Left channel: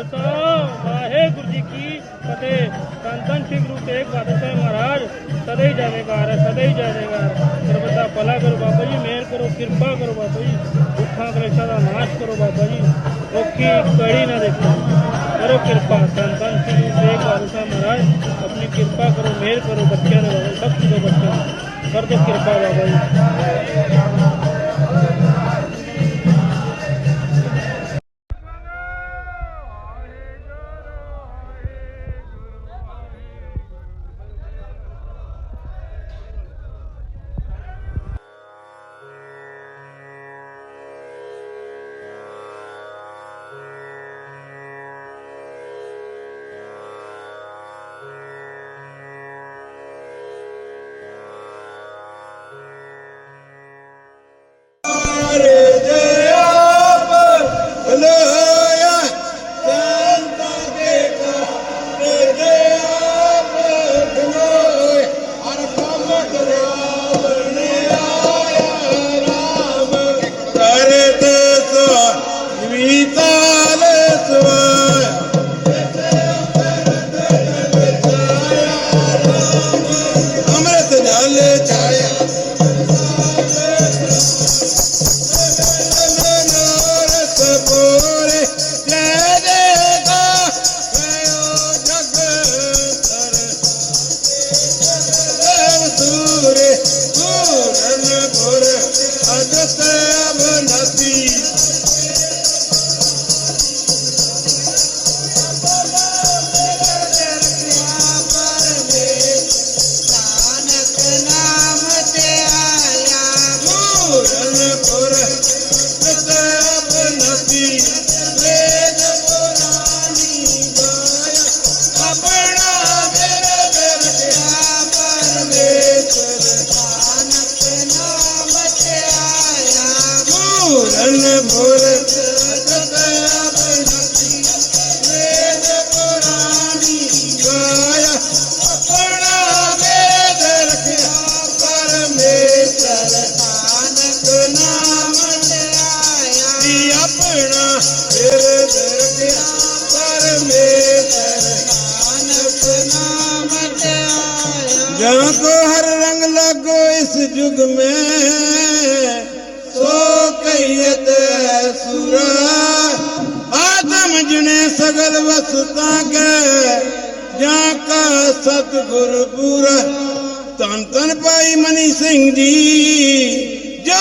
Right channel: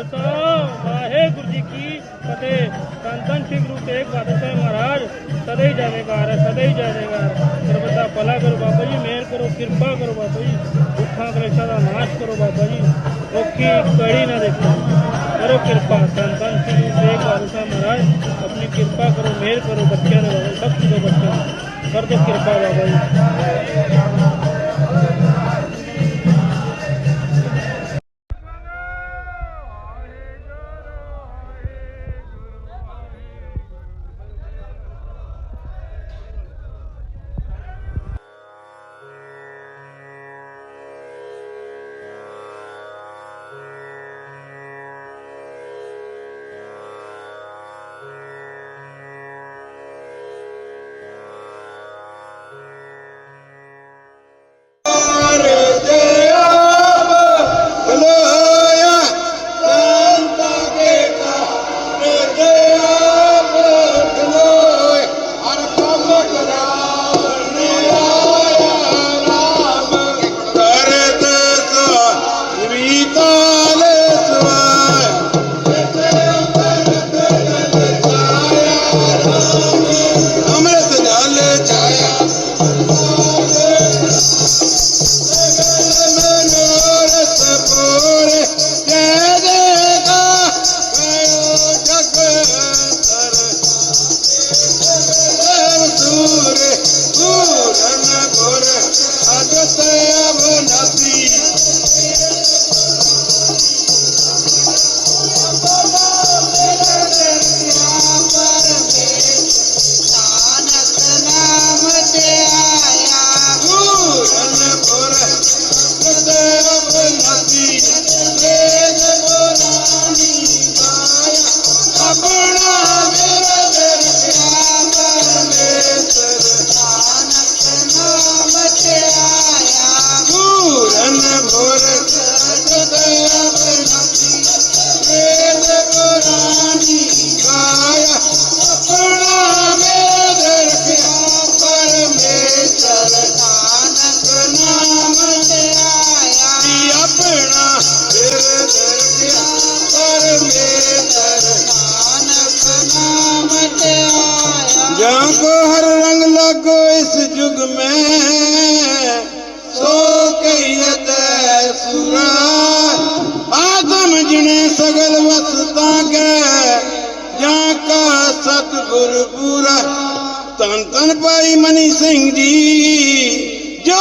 खालसा, वाहेगुरु जी की फतेह। धन धन श्री गुरु तेग बहादुर साहब महाराज सदा ही जानेगार है। सदा ही भला करो बाबा जी, मेहर करो, कृपा करो बाबा जी। दुखा कलेशा का नाश करो बाबा जी। औखी कड़ी ना देखो। करो कृपा। धन धन श्री गुरु तेग बहादुर साहब महाराज, अपनी कृपा करो, मेहर करो, बच्चों ने बाबा सब बच्चों कर दो कृपा बाबा जी। का सतगुर पूरा तन तन पाई मनी सिंह जी जो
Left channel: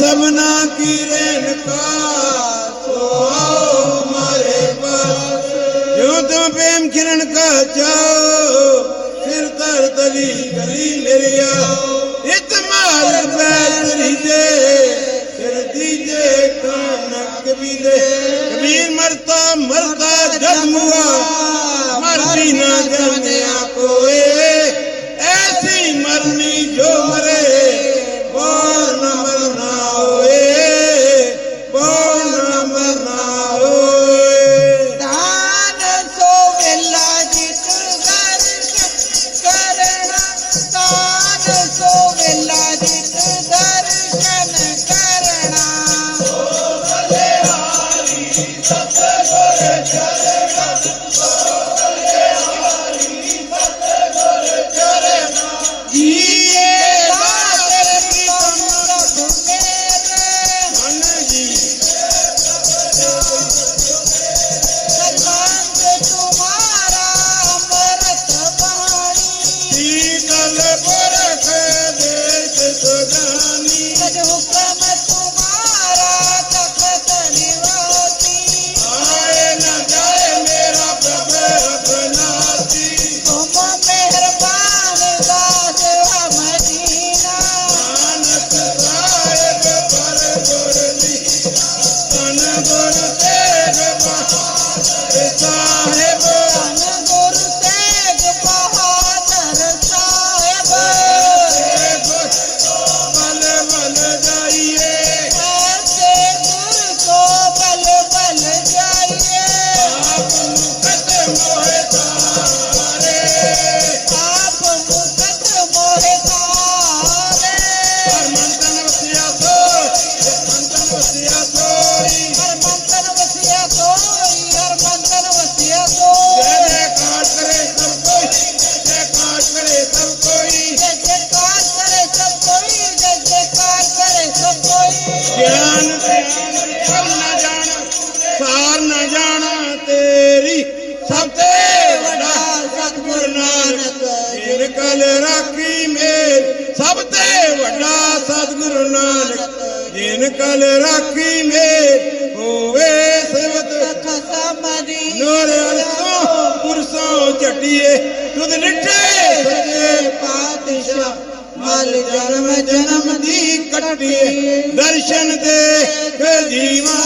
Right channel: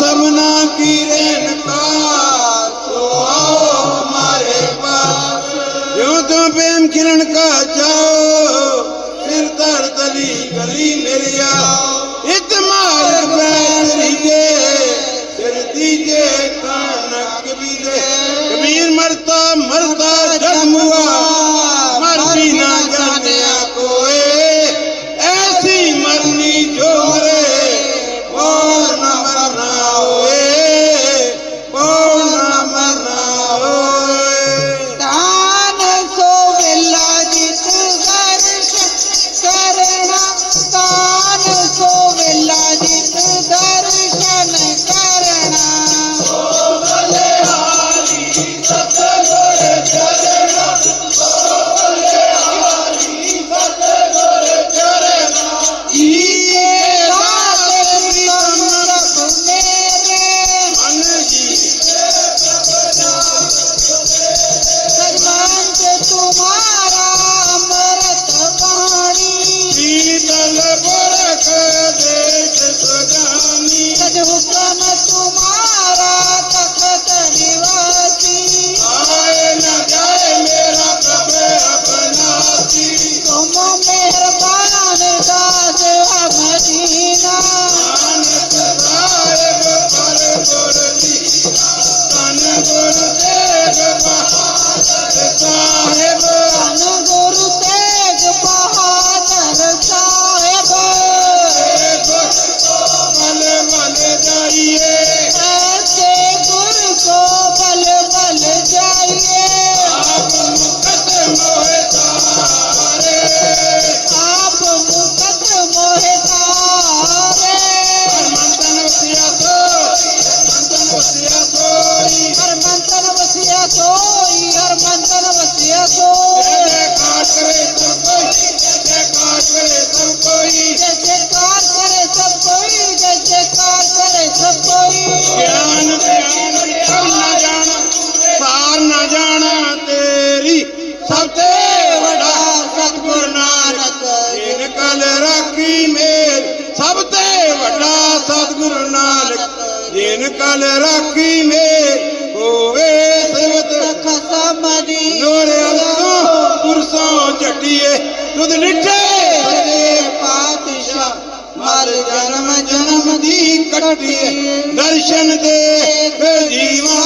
हो सबना की रेन ਸਭ ਤੇ ਵੱਡਾ ਸਤਿਗੁਰ ਨਾਨਕ, ਜਿਨ ਕਲ ਰਾਖੀ ਮੇਲ। ਸਭ ਤੇ ਵੱਡਾ ਸਤਿਗੁਰ ਨਾਨਕ, ਜਿਨ ਕਲ ਰਾਖੀ ਮੇਲ। ਹੋਵੇ ਸਿਵਤ ਖਸਮਦੀ ਨੋਰ ਅਰਸੋਂ ਪੁਰਸੋਂ ਝਟੀਏ। ਤੁਧ ਨਿਠੇ ਸੱਚੇ ਪਾਤਸ਼ਾਹ ਮਰ ਜਨਮ ਜਨਮ ਦੀ ਕੱਟੀਏ। ਦਰਸ਼ਨ ਦੇ ਜੀਵਾ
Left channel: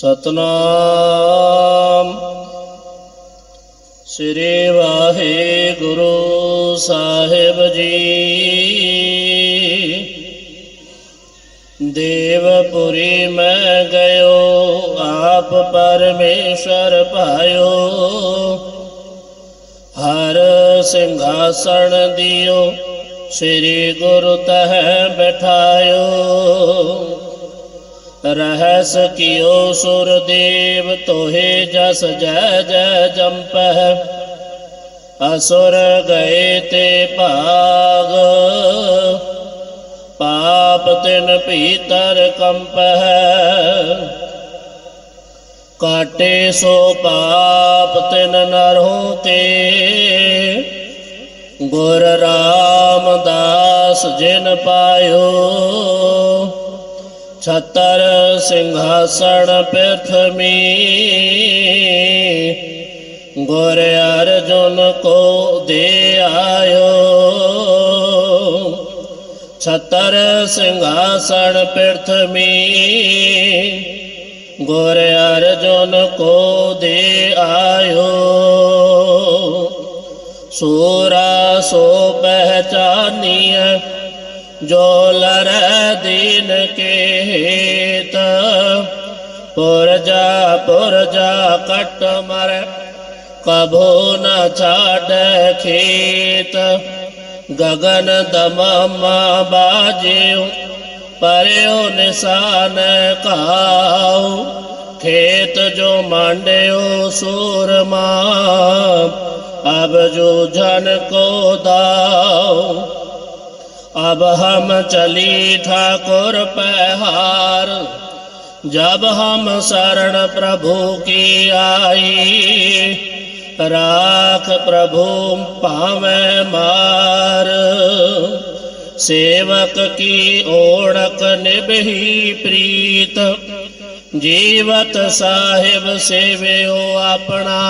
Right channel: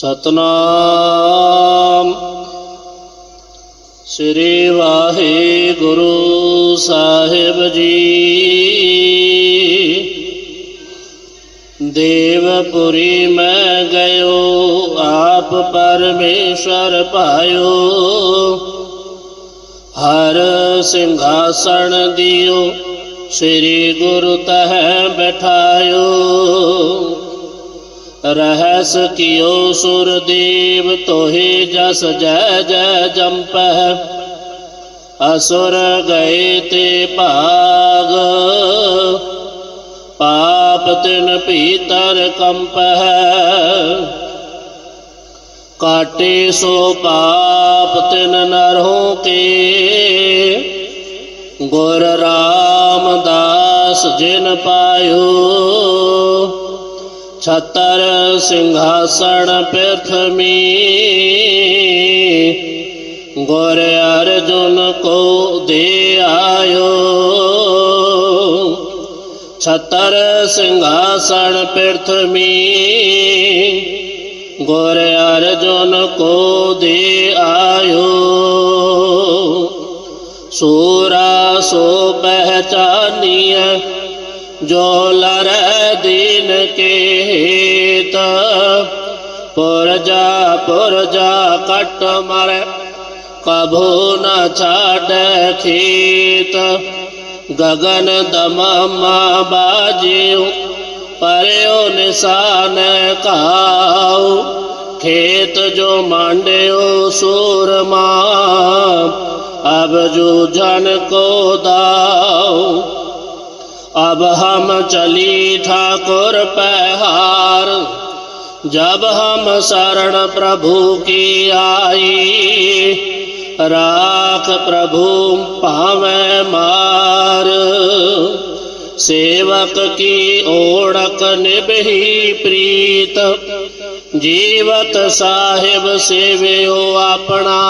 ਸਤਨਾਮ। ਸ੍ਰੀ ਵਾਹਿਗੁਰੂ ਸਾਹਿਬ ਜੀ। ਦੇਵਪੁਰੀ ਮੈਂ ਗਇਓ, ਆਪ ਪਰਮੇਸ਼ਰ ਪਾਇਓ। ਹਰ ਸਿੰਘਾਸਣ ਦਿਓ, ਸ੍ਰੀ ਗੁਰੂ ਤਹ ਬਿਠਾਇਓ। ਰਹਿ ਕਿਓ ਸੁਰਦੇਵ ਤੋਹੇ ਜਸ ਜੈ ਜੈ ਜੰਪਹਿ। ਅਸੁਰ ਗਏ ਤੇ ਭਾਗ, ਪਾਪ ਤਿਨ ਭੀਤਰ ਕੰਪਹਿ। ਕਾਟੇ ਸੋ ਪਾਪ ਤਿਨ ਨਰਹੋਂ ਕੇ, ਗੁਰ ਰਾਮਦਾਸ ਜਿਨ ਪਾਇਓ। छतर सिंहासन पृथ्वी गोरे अर्जुन को दे आयो। छतर सिंहासन पृथ्वी गोरे अर्जुन को दे आयो। सूरा सो पहचानिया, जो लड़ कट मर, कभो न छेत खेत। गगन दम बाजू पर निशान काऊ। खेत जो मांडियो सूरमा अब जो जन को दाओ अब हम चली ठाकुर पहार जब हम शरण प्रभु की आई। राख प्रभु पावे मार। सेवक की ओढ़क निबही प्रीत। जीवत साहिब सेवे अपना।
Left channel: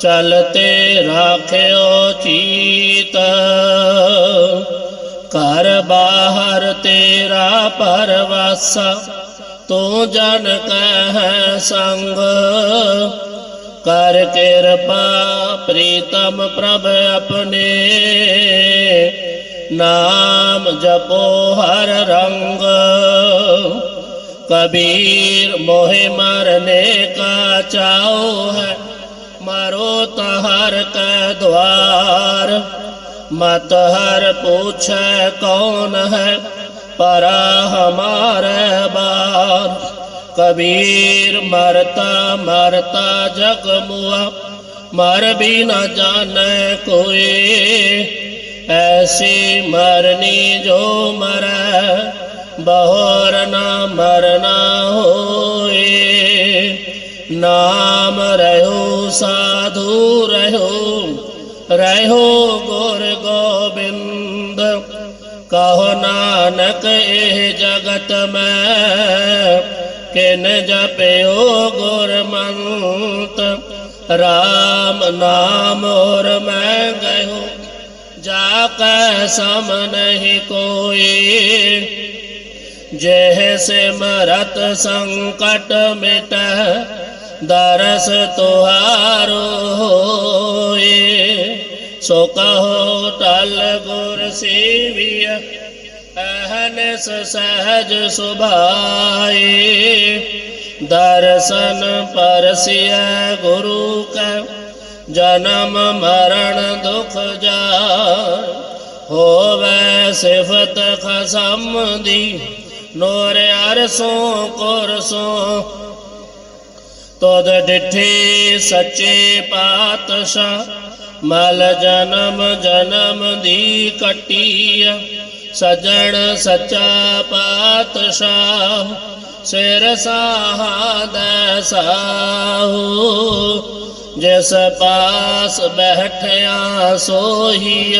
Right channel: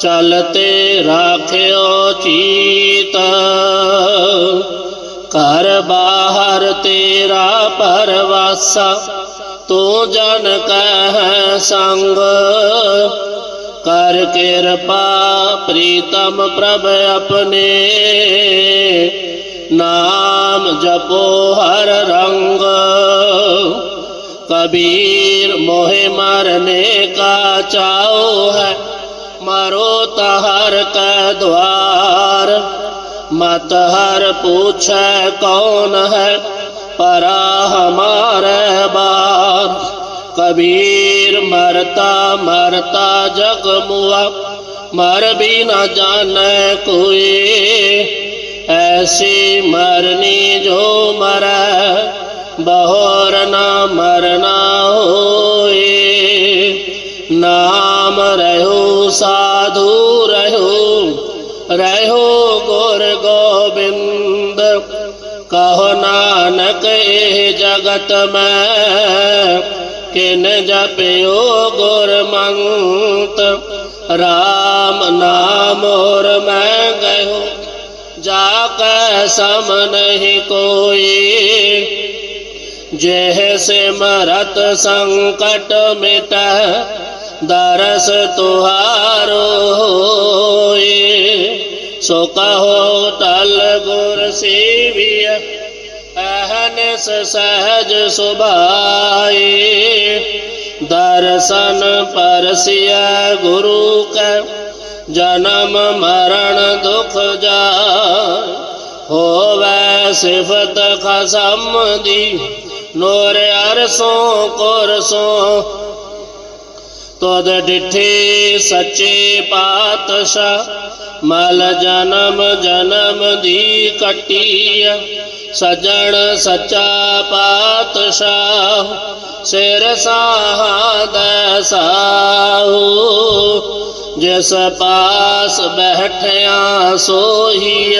चलते राख चीत। ਘਰ ਬਾਹਰ ਤੇਰਾ ਪਰਵਾਸਾ ਤੂੰ ਜਨ ਕਹਿ ਸੰਗ ਕਰ ਕਿਰਪਾ ਪ੍ਰੀਤਮ ਪ੍ਰਭ ਆਪਣੇ ਨਾਮ ਜਪੋ ਹਰ ਰੰਗ कबीर मोहे मरने का चाओ है मरो तहर का द्वार मत हर पूछे कौन है, परा हमारे बार कबीर मरता मरता जग मुआ, मर भी न जाने कोई। ऐसी मरनी जो मरा, बहोर न मरना होए। नाम रहो, साधु रहो रहो नानक एह जगत में किन जपयो गुरमंत राम नाम और मैं गयो जाकर सम नहीं कोई। जह से मरत संकट मिट, दरस तुहारो होए। सो कहो, टल गुर सेविय अहनस सहज सुभाए दर्शन परसिय गुरु का, जन्म मरण दुख जाय। होवै सिफत खसम दी नूर अरसों कुरसों। तुद डिठे सच्चे पातशाह, मल जन्म जन्म दी कटीय। सजन सचा पातशाह, शेर साहद साहू। जिस पास बैठया सोही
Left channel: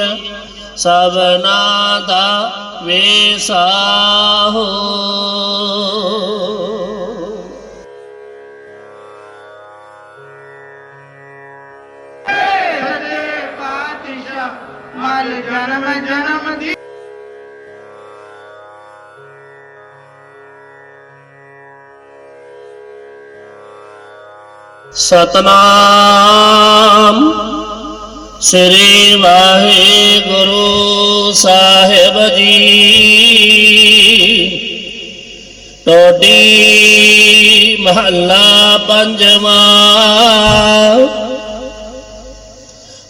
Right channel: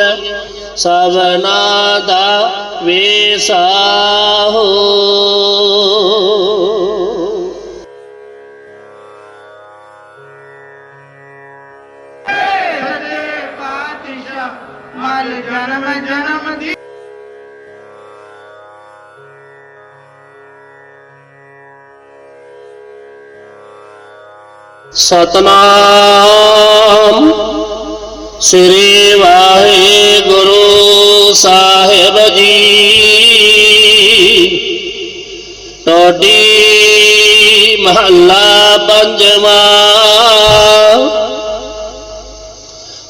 सवनादा वे साहू। जन्म जन्म दी। सतनाम। श्री वाहे गुरु साहेब जी। टोडी महला पंजवा।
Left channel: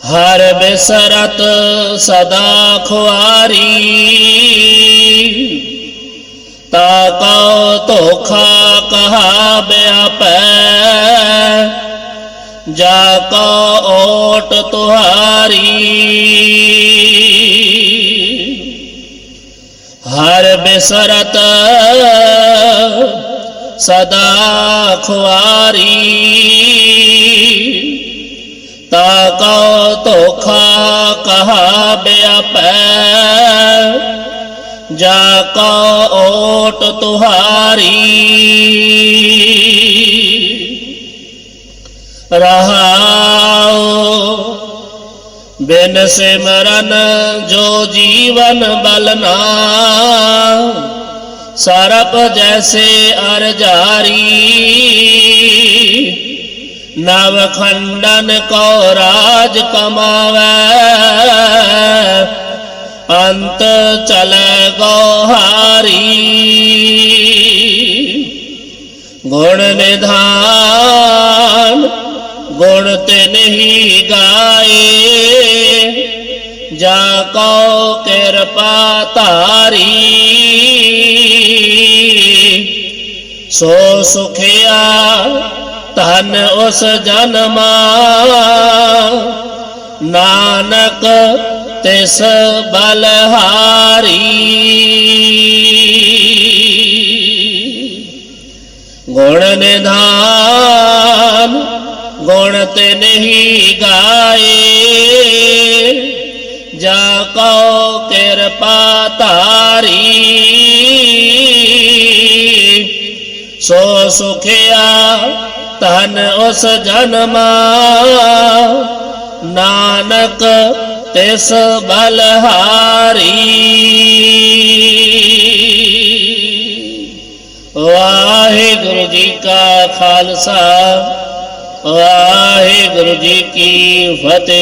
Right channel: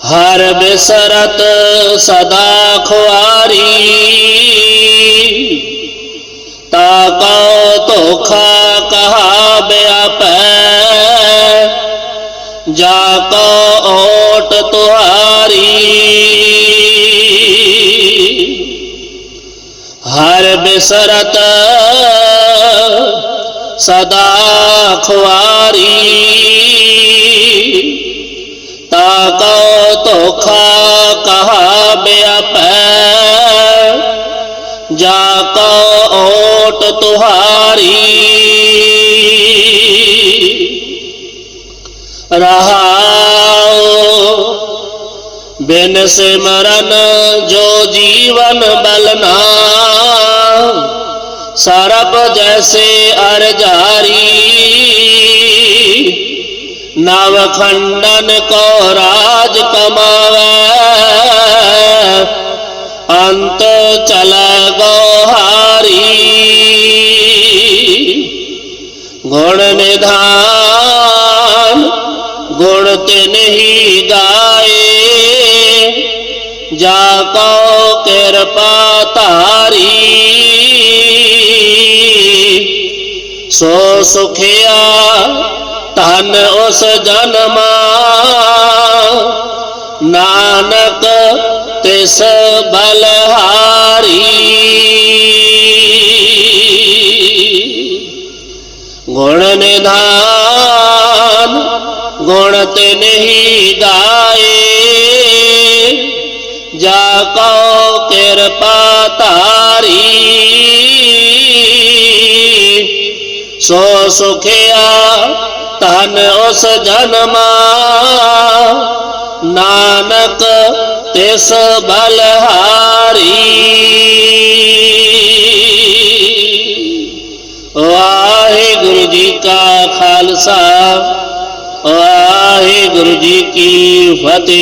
हर बेसरत सदा खुआरी। ताका तोखा कहा ब्याप जाका ओट तुहारी। हर बेसरत सदा खुआरी। ताका तो खा कहा बेअप। जाका ओट तुहारी। रहाओ। बिन सिमरन जो जीवन बलना सरप जैसे अरजारी नव खंडन को राज कमावे। अंत चल गौहारी। गुण निधान गुण तिन ही गाए। जाको कृपा तारी। सो सुखिया धन उस जन्मा। नानक तिस बलहारी। गुण निधान गुणत नहीं गाए। जाको कृपा तारी। सो सुखिया तन उस जन्म। नानक तिस बलहारी। वाहे गुरु जी का खालसा। ਵਾਹਿਗੁਰੂ ਜੀ ਕੀ ਫਤਿਹ।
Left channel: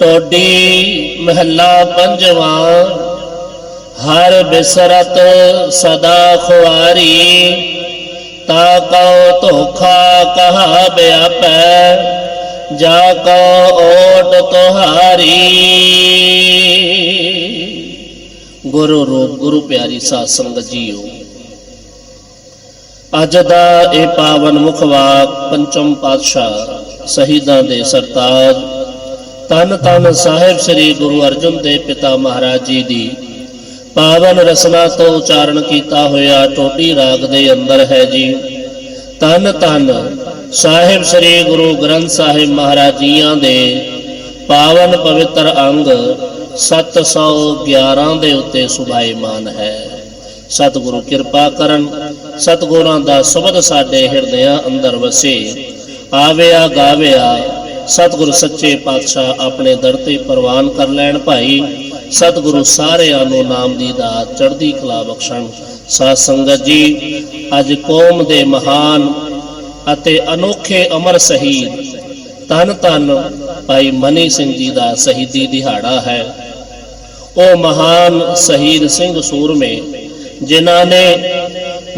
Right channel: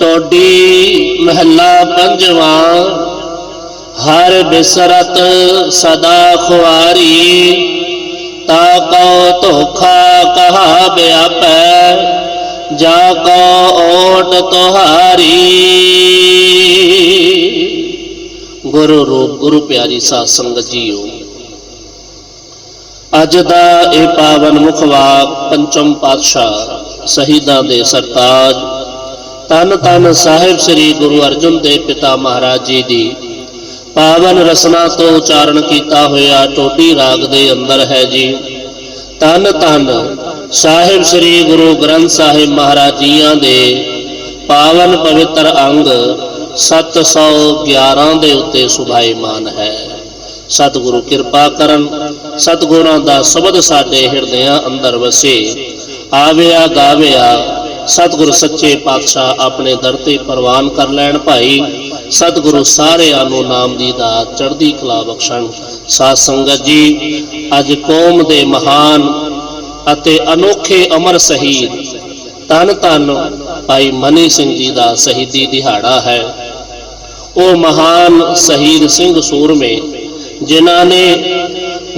ਟੋਡੀ ਮਹੱਲਾ ਪੰਜਵਾਂ, ਹਰ ਬਿਸਰਤ ਸਦਾ ਖੁਆਰੀ, ਤਾ ਕਉ ਧੋਖਾ ਕਹਾ ਬਿਆਪੈ ਜਾ ਕੋ ਓਟ ਤੁਹਾਰੀ। ਗੁਰੂ ਰੂਪ ਗੁਰੂ ਪਿਆਰੀ ਸਾਧ ਸੰਗਤ ਜੀਓ ਅੱਜ ਦਾ ਇਹ ਪਾਵਨ ਮੁਖ ਵਾਕ ਪੰਚਮ ਪਾਤਸ਼ਾਹ ਸ਼ਹੀਦਾਂ ਦੇ ਸਰਤਾਜ, ਤਨ ਤਨ ਸਾਹਿਬ ਸ੍ਰੀ ਗੁਰੂ ਅਰਜਨ ਦੇਵ ਪਿਤਾ ਮਹਾਰਾਜ ਜੀ ਦੀ ਪਾਵਨ ਰਸਨਾ ਤੋਂ ਉਚਾਰਨ ਕੀਤਾ ਹੋਇਆ ਟੋਡੀ ਰਾਗ ਦੇ ਅੰਦਰ ਹੈ ਜੀ। ਤਨ ਤਨ ਸਾਹਿਬ ਸ੍ਰੀ ਗੁਰੂ ਗ੍ਰੰਥ ਸਾਹਿਬ ਮਹਾਰਾਜ ਜੀਆਂ ਦੇ ਪਾਵਨ ਪਵਿੱਤਰ ਅੰਗ 711 ਦੇ ਉੱਤੇ ਸੁਭਾਈਮਾਨ ਹੈ। ਸਤਿਗੁਰੂ ਕਿਰਪਾ ਕਰਨ। ਸਤਿਗੁਰਾਂ ਦਾ ਸ਼ਬਦ ਸਾਡੇ ਹਿਰਦਿਆਂ ਅੰਦਰ ਵਸੇ। ਆਵਿਆ ਗਾਵਿਆ, ਸਤਿਗੁਰ ਸੱਚੇ ਪਾਤਸ਼ਾਹ ਆਪਣੇ ਦਰ ਤੇ ਪ੍ਰਵਾਨ ਕਰ ਲੈਣ ਭਾਈ। ਸਤਿਗੁਰੂ ਸਾਰਿਆਂ ਨੂੰ ਨਾਮ ਦੀ ਦਾਤ, ਚੜ੍ਹਦੀ ਕਲਾ ਬਖਸ਼ਣ। ਸਾਧ ਸੰਗਤ ਜੀ, ਅੱਜ ਕੌਮ ਦੇ ਮਹਾਨ ਅਤੇ ਅਨੋਖੇ ਅਮਰ ਸ਼ਹੀਦ ਧੰਨ ਧੰਨ ਭਾਈ ਮਨੀ ਸਿੰਘ ਜੀ ਦਾ ਸ਼ਹੀਦੀ ਦਿਹਾੜਾ ਹੈ। ਉਹ ਮਹਾਨ ਸ਼ਹੀਦ ਸਿੰਘ ਸੂਰਮੇ ਜਿਨ੍ਹਾਂ ਨੇ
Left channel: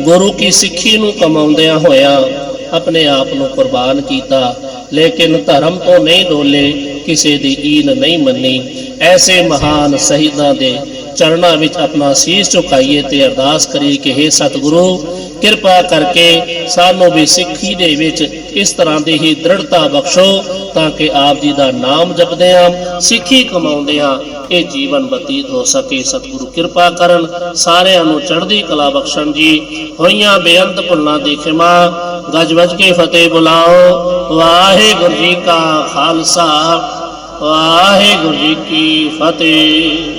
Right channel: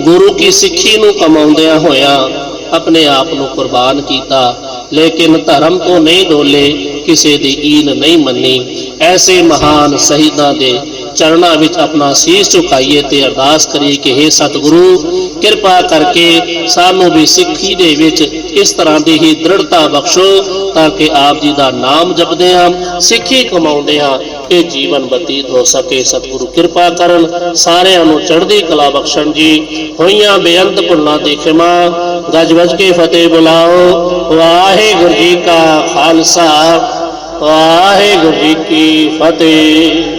ਗੁਰੂ ਕੀ ਸਿੱਖੀ ਨੂੰ ਕਮਾਉਂਦਿਆਂ ਹੋਇਆਂ ਆਪਣੇ ਆਪ ਨੂੰ ਕੁਰਬਾਨ ਕੀਤਾ, ਲੇਕਿਨ ਧਰਮ ਤੋਂ ਨਹੀਂ ਡੋਲੇ, ਕਿਸੇ ਦੀ ਈਨ ਨਹੀਂ ਮੰਨੀ। ਐਸੇ ਮਹਾਨ ਸ਼ਹੀਦਾਂ ਦੇ ਚਰਨਾਂ ਵਿੱਚ ਆਪਣਾ ਸੀਸ ਝੁਕਾਈਏ ਤੇ ਅਰਦਾਸ ਕਰੀਏ ਕਿ हे ਸਤਿਗੁਰੂ, ਕਿਰਪਾ ਕਰਕੇ ਸਾਨੂੰ ਵੀ ਸਿੱਖੀ ਦੇ ਵਿੱਚ ਇਸ ਤਰ੍ਹਾਂ ਦੀ ਹੀ ਦ੍ਰਿੜਤਾ ਬਖਸ਼ੋ ਤਾਂ ਕਿ ਆਪ ਜੀ ਦਾ ਨਾਮ ਜਪਦੇ ਹਾਂ, ਸਿੱਖੀ ਕਮਾਉਂਦੇ ਹਾਂ, ਇਹ ਜੀਵਨ ਬਤੀਤ ਹੋ ਸਕੇ। ਸਤਿਗੁਰੂ, ਕਿਰਪਾ ਕਰਨ ਸਾਰਿਆਂ ਨੂੰ ਚੜ੍ਹਦੀ ਕਲਾ ਬਖਸ਼ਣ ਜੀ। ਹੋਈਆਂ ਬੇਅੰਤ ਭੁੱਲਾਂ ਦੀ ਖਿਮਾ, ਗੱਜ ਵੱਜ ਕੇ ਫਤਿਹ ਬੁਲਾਓ। ਵਾਹਿਗੁਰੂ ਜੀ ਕਾ ਖਾਲਸਾ, ਵਾਹਿਗੁਰੂ ਜੀ ਕੀ ਫਤਿਹ।